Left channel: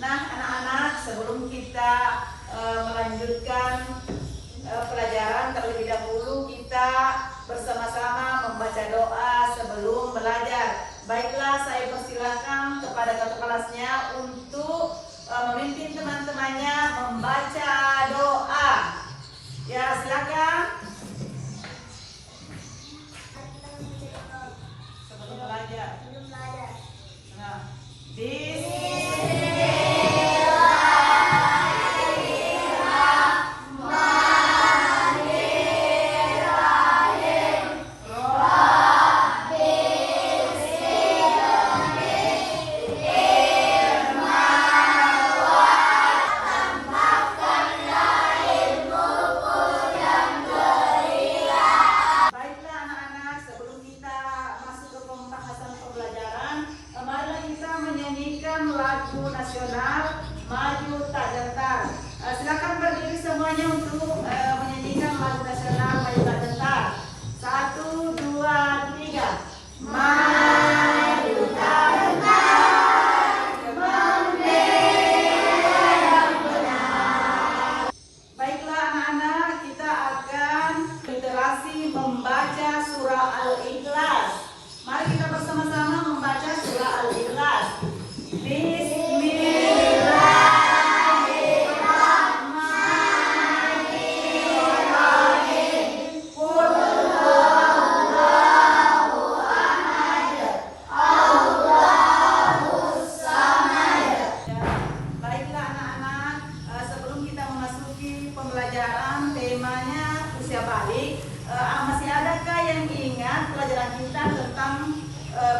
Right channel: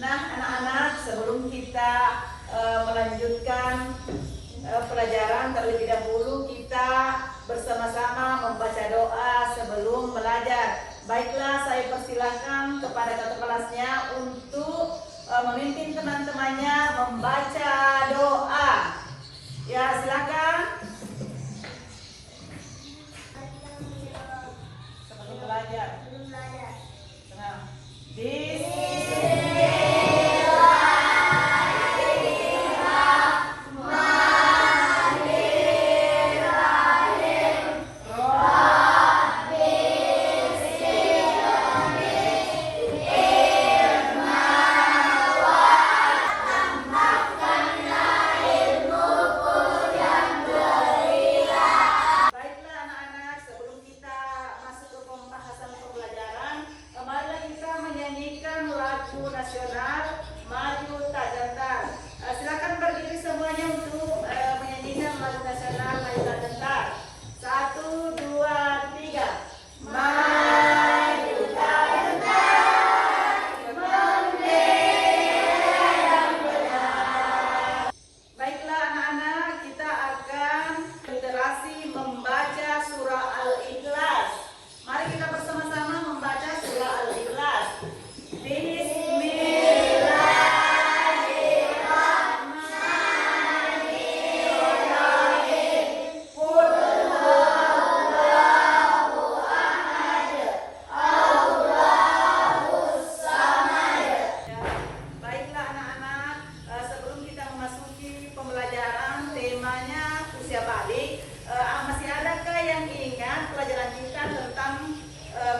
Nah, anak-anak, sebelum kita melanjutkan pelajaran, terlebih dahulu kita bersama-sama membaca doa sebelum belajar. Baiklah, saya persilahkan kepada kakak kelasnya untuk memimpin teman-temannya membaca doa. Ya, silakan. Sebelum belajar. Nah, nasional maju tak gentar. Silakan berdiri semuanya untuk menyanyikan lagu nasional maju tak gentar. 1, 2, 3. Maju tak gentar, membela benar. Baiklah anak-anak, kita akan literasi membaca surah Al-Ikhlas. Mari kita bersama-sama membaca surah Al-Ikhlas. Pembelajaran temanya usia balik. Masih adakah yang ingat pelajaran kita tentang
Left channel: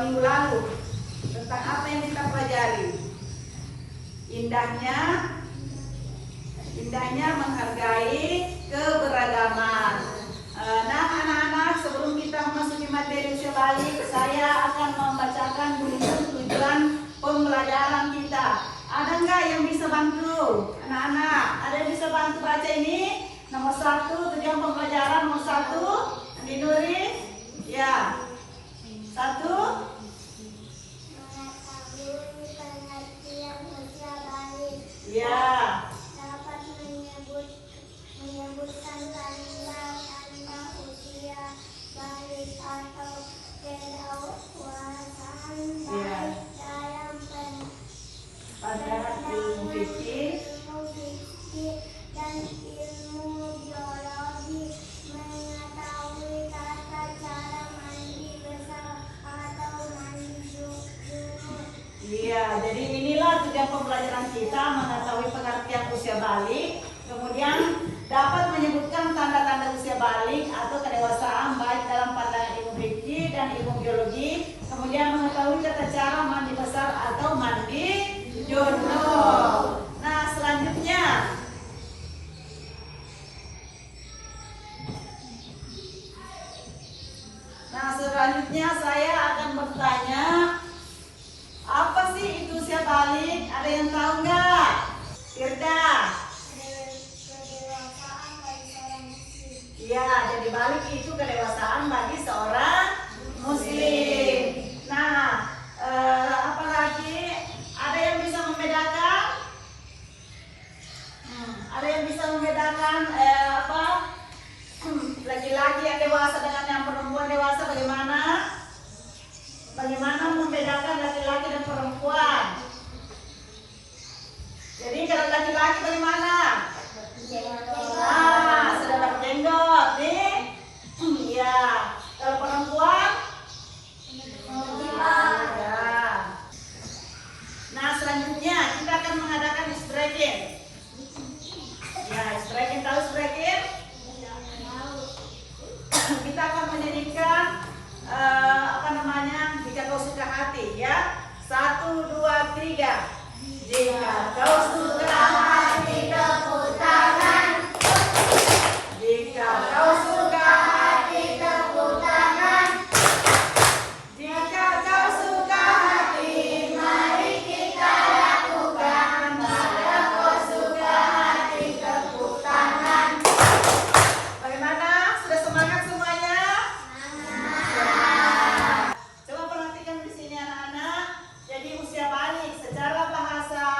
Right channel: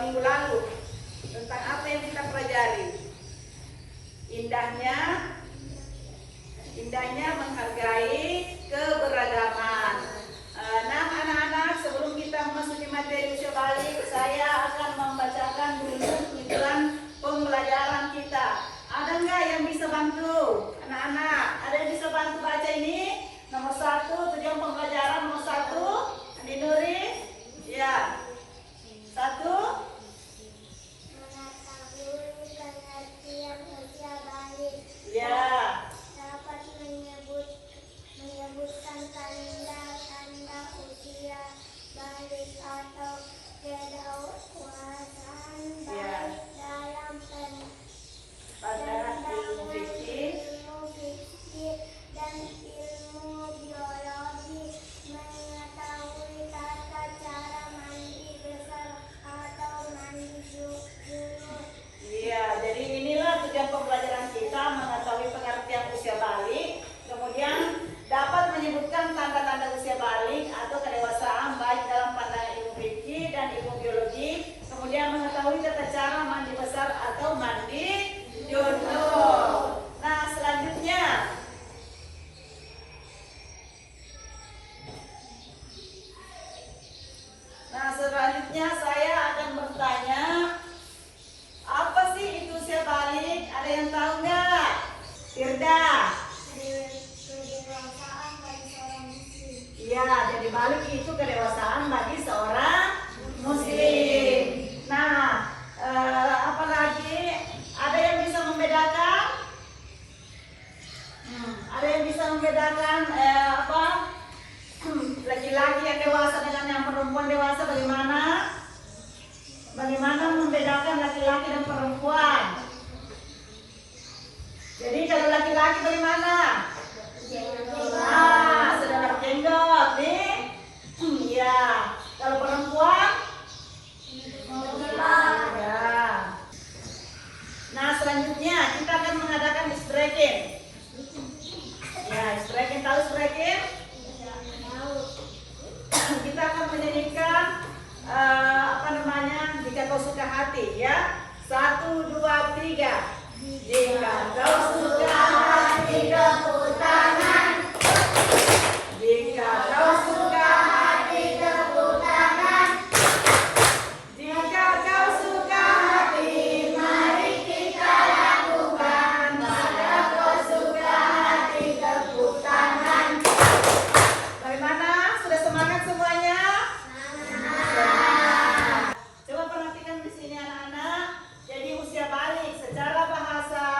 minggu lalu? Tentang apa yang kita pelajari? Indahnya menghargai keberagaman. Nah, anak-anak, sebelum kita memasuki materi usia balik, saya akan membacakan tujuan pembelajaran kita. Ada nggak yang bisa bantu? Anak-anak, ada yang bisa bantu baca ini? Nomor 1, tujuan pembelajaran nomor 1, ditulis. Ya. 1. Mengetahui pengertian usia balik. Ya. Dapat menyebutkan tanda-tanda usia balik atau kedewasaan balik dalam Pelajaran ilmu fikih dan ilmu biologi. Mengetahui tata cara mandi besar atau mandi junub. Iya, jadi inilah tujuan pembelajaran kita, mengetahui pengertian usia balik, kemudian dapat menyebutkan tanda-tanda usia balik atau kedewasaan baik dalam pandangan ilmu fikih dan ilmu biologi, kemudian mengetahui tata cara mandi besar atau mandi junub. Nah, selanjutnya saya akan bertanya, apa sih itu usia balik? Ada yang tahu nggak? Firda? Kedewasaan bagi seorang muslim. Iya, jadi balik itu kedewasaan bagi seorang muslim. Nah, apa lagi? Ada yang bisa membedakan? Ada yang bisa membedakan laki-laki yang dewasa dengan yang perempuan dewasa bagaimana? Bagaimana membedakan laki-laki dan perempuan? Jadi kalau laki-laki bagaimana? Sudah berjenggot nih. Ya. Kalau perempuan? Ya. Nah, selanjutnya kita akan mengadakan ice-breaking. Ya, ice-breaking, tahu ice-breaking? Kita akan menyanyikan jika kau suka hati, ya. 1, 2, 3. Jika kau suka hati tepuk tangan. Jika kau suka hati tepuk tangan. Jika kau suka hati, mari kita lakukan. Jika kau suka hati tepuk tangan. Bagaimana? Sudah semangat semuanya? Coba perhatikan di sini anak-anak. Jadi usia balik secara bahasa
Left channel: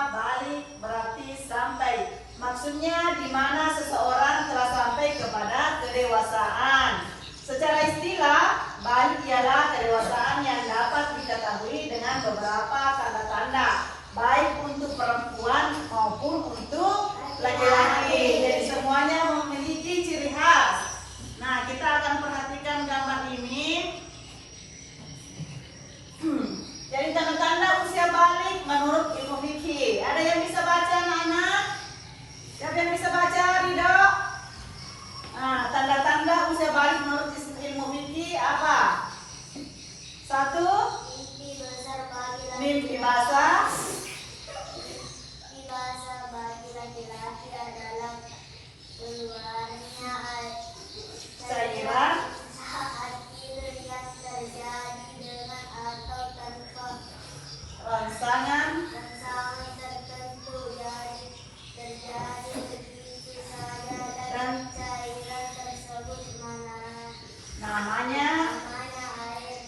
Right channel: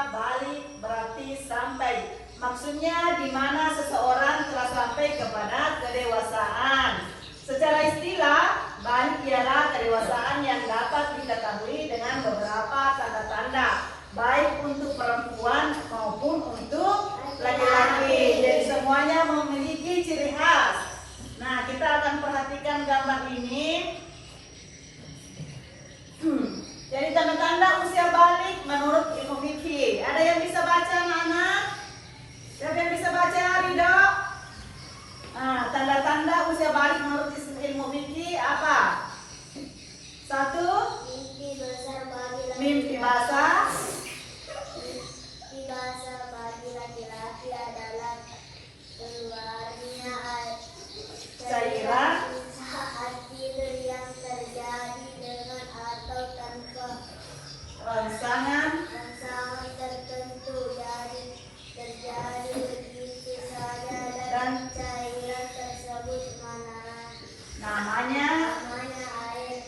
maksudnya di mana seseorang telah sampai kepada kedewasaan. Secara istilah, balik ialah kedewasaan yang dapat diketahui dengan beberapa tanda-tanda, baik untuk perempuan maupun untuk laki-laki. Jadi semuanya memiliki ciri khas. Nah, kita akan perhatikan gambar ini. Jadi tanda-tanda usia balik menurut ilmu fikih. Ada yang bisa baca, anak-anak? Siapa yang bisa baca, Ridho? Nah, tanda-tanda usia balik menurut ilmu fikih apa? 1. Mimpi besar bagi laki-laki. Mimpi basah. Mimpi basah bagi laki-laki adalah keluarnya Cairan saat tidur yang terjadi dengan atau tanpa rangsangan tertentu, jadi terjadi begitu saja dan cairan tersebut namanya air.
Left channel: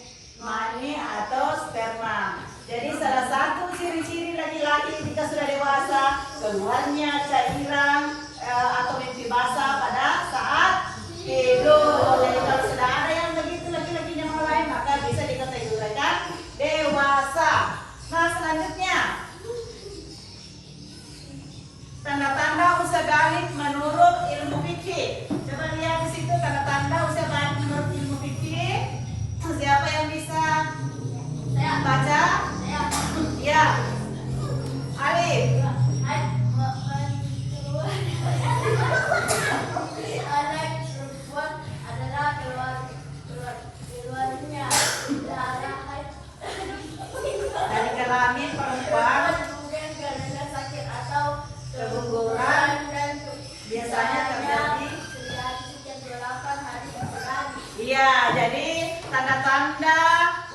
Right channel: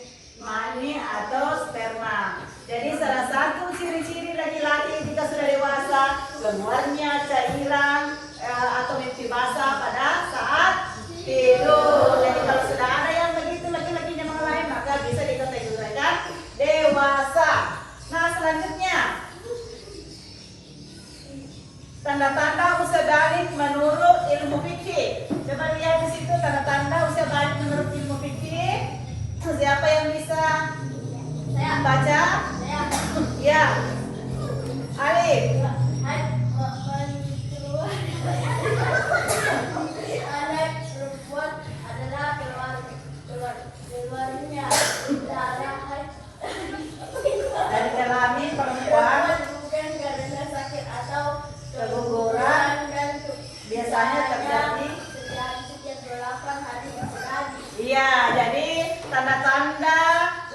mani atau sperma. Jadi salah satu ciri-ciri laki-laki ketika sudah dewasa keluarnya cairan atau mimpi basah pada saat tidur. Jadi kalau sudah ada yang begitu laki-lakinya mulai, maka bisa dikategorikan dewasa. Nah, selanjutnya tanda-tanda usia balik menurut ilmu fikih. Coba lihat di situ tanda-tanda usia balik menurut ilmu fikih. Siapa yang bisa baca? Ya, Alif. Anak perempuan adalah keluarnya darah Dari kelamin perempuan kemudian karena sakit atau keguguran biasanya terjadi. setiap 8 hari sekali. Iya, jadi tanda-tanda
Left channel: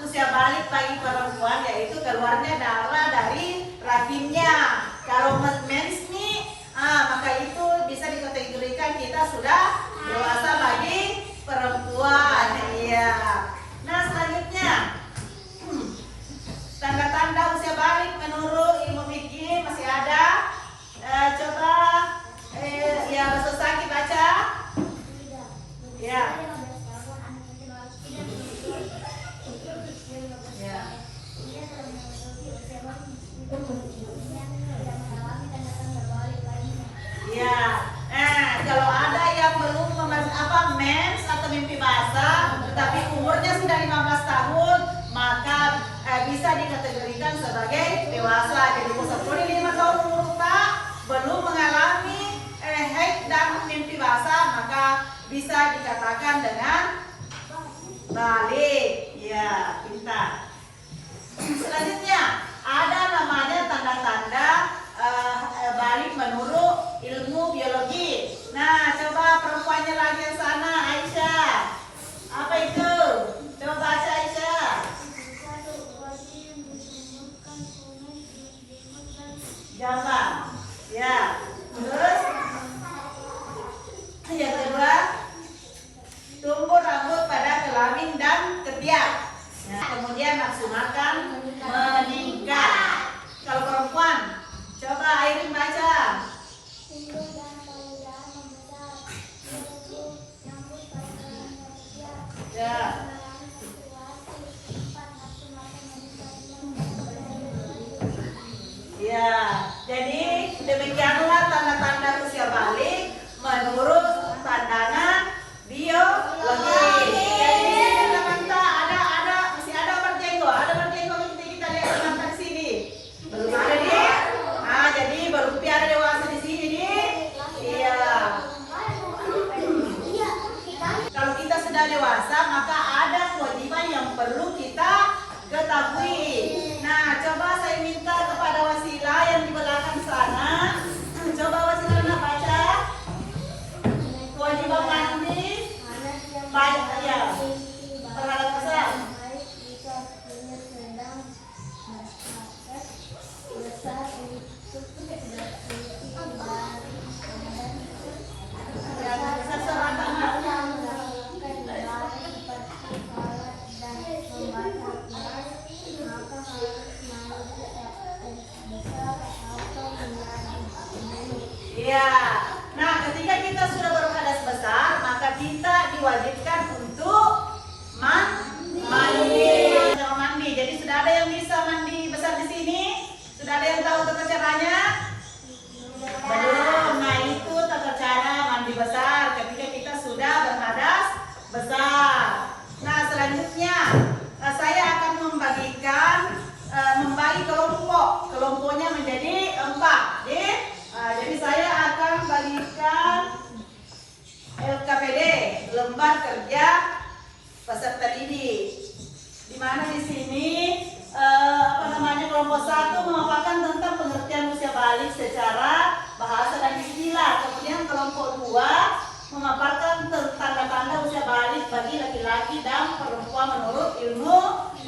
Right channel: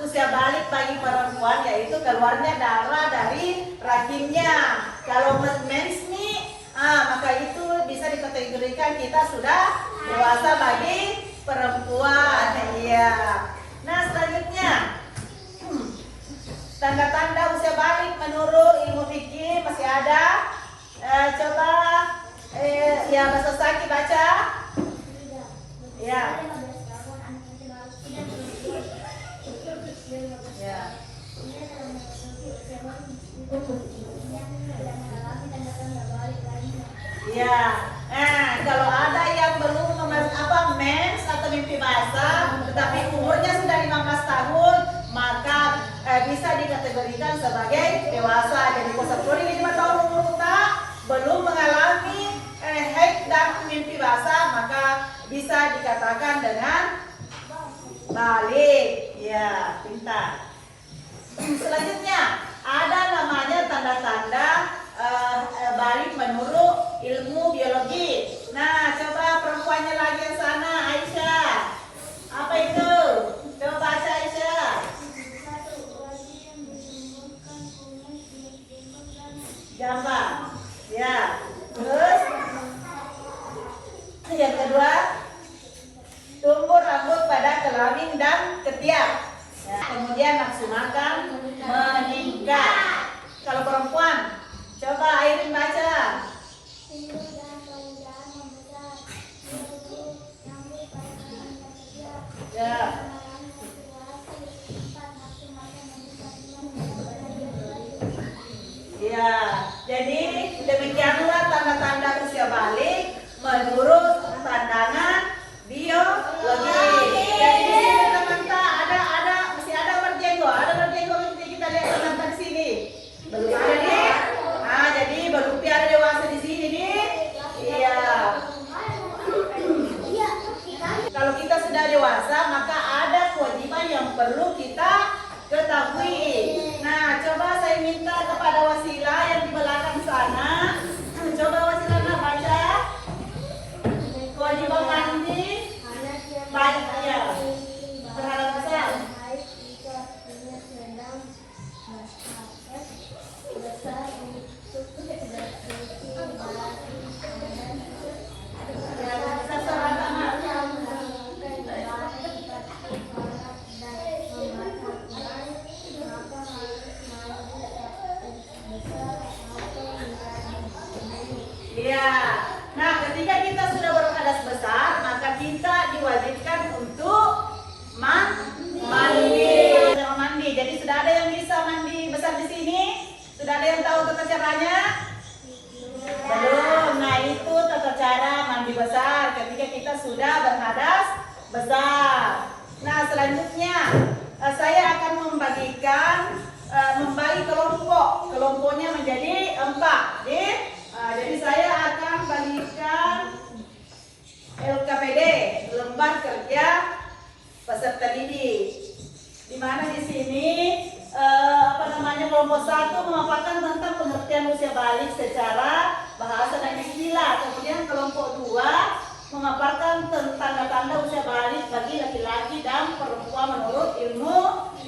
usia balik bagi perempuan yaitu keluarnya darah dari rahimnya. Kalau mens nih, maka itu bisa dikategorikan kita sudah dewasa bagi perempuan. Iya. Nah, selanjutnya tanda-tanda usia balik menurut ilmu fikih masih ada. Coba ya Mas Saki baca. Ya. Ya. Ya. Nah, kalau ada yang belum mens atau mimpi basah, tetapi umurnya sudah 15 tahun, maka bisa dikategorikan sebagai dewasa. Jadi kategori 5 tahun umur tak belum mengalami haid dan mimpi basah, maka bisa dikatakan dengan balik. Ya, pintar. Selanjutnya ada namanya tanda-tanda balik menurut ilmu biologi. Nah, coba perempuannya lagi yang sana, Aisyah. Apa itu? Coba baca, Aisyah. Gambar. Ya. Terus yang kedua, tumbuh rambut pada kelamin dan ketiak. Ya. Kemudian nafsu makan meningkat. Kalau perempuan, coba Airin baca. Ya. Ya, jadi demikianlah tanda-tanda usia balik menurut pandangan biologi. Jadi di sini teman-teman masih ada berjenggot, kita lihat teman-teman di sini. Belum ada nih. Nah, jadi baru ada dewasa di sini nih. Iya. Kalau kita sudah dewasa, maka ada kewajiban yang perlu kita ketahui. Nah, coba saya minta kepada Wasilah yang di belakang sana. Coba Wasilah baca. Kewajiban mandi. Banyak ya. Terhadap Islam. Ya, besar, maka kita diwajibkan untuk mandi. Mandi. Jadi sudah ada yang bisa mandi besar di sini? Sudah ada yang tahu tata caranya? Belum. Nah, itu tata cara mandi besar ketika kita sudah berhadas besar. Nah, selanjutnya saya akan membagi kelompok. Kelompoknya menjadi 4. Jadi saya akan bagikan LKPD, lembar kerja peserta didik. Di mana di sini kelompok 1 memaparkan tentang pengertian usia balik secara bahasa dan istilah. Kemudian kelompok 2 memaparkan tentang tanda-tanda usia balik bagi laki-laki dan perempuan menurut ilmu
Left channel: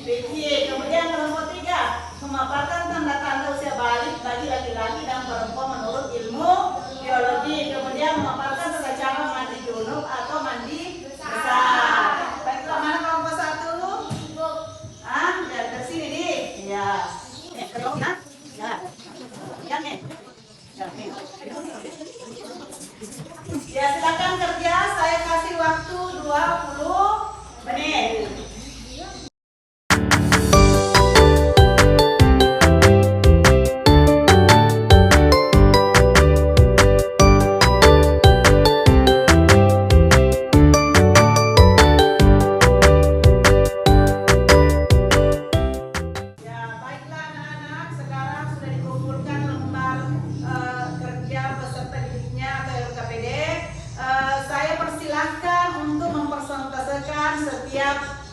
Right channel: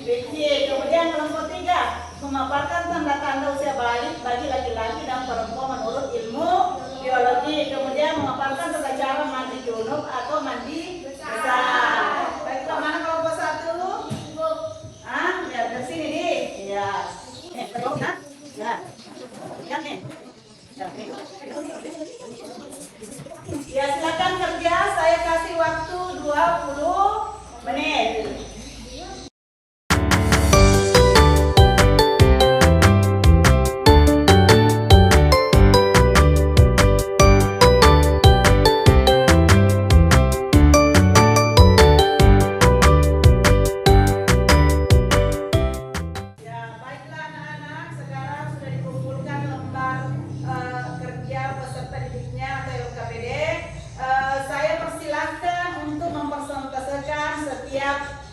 BC. Kemudian kelompok 3 memaparkan tanda-tanda usia balik bagi laki-laki dan perempuan menurut ilmu biologi. Kemudian memaparkan tata cara mandi junub atau mandi besar. Baik, mana kelompok 1 lu? Ya, dari sini nih. Ya. Ya, silakan kerja. Saya kasih waktu 20 menit.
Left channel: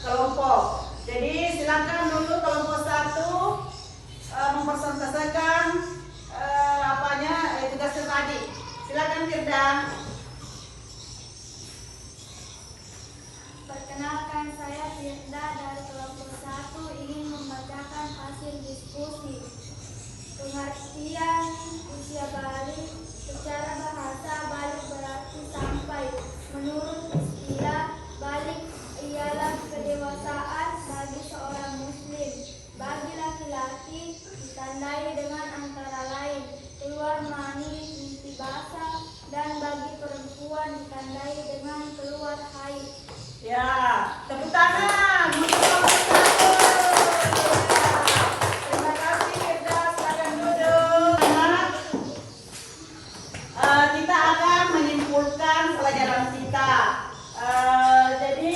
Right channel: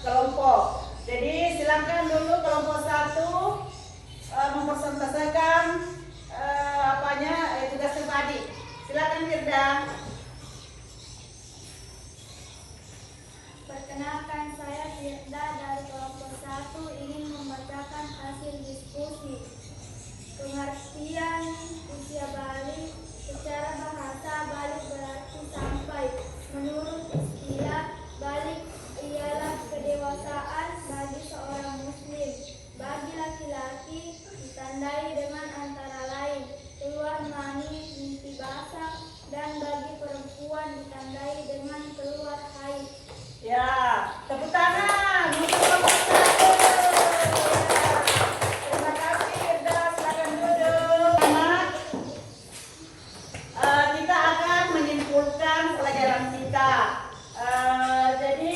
Kelompok. Jadi silakan dulu kelompok 1 mempresentasikan tugasnya tadi. Silakan Firda. Perkenalkan, saya Firda dari kelompok 1 ingin membacakan hasil diskusi. Pengertian usia balik secara bahasa balik berarti sampai. Menurut istilah, balik ialah kedewasaan bagi seorang muslim. Bagi laki-laki ditandai dengan antara lain keluar mani, mimpi basah, dan bagi perempuan ditandai dengan keluar haid. Ya, tepuk tangan untuk kelompok 1. Terima kasih Firda, silakan duduk. Kita akan menyimpulkan pelajaran kita. Jadi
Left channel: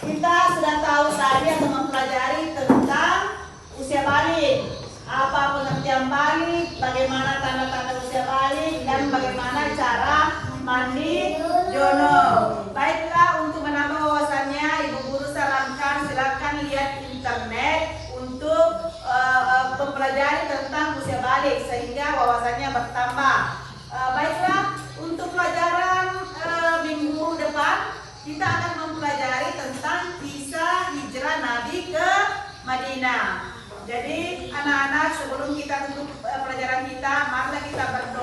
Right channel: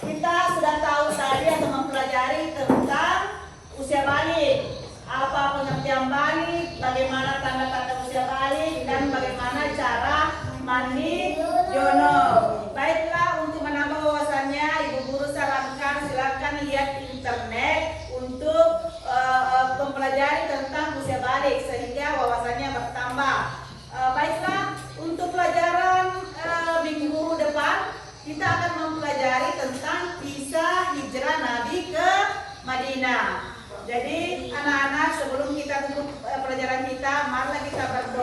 kita sudah tahu tadi atau mempelajari tentang usia balik, apa pengertian balik, bagaimana tanda-tanda usia balik, dan bagaimana cara mandi junub. Baiklah, untuk menambah wawasannya, Ibu Guru sarankan silakan lihat internet untuk mempelajari tentang usia balik sehingga wawasannya bertambah. Baiklah, untuk pelajaran minggu depan kita akan mempelajari tentang kisah hijrah Nabi ke Madinah. Jadi anak-anak, sebelum kita tutup pelajaran kita, marilah kita berdoa.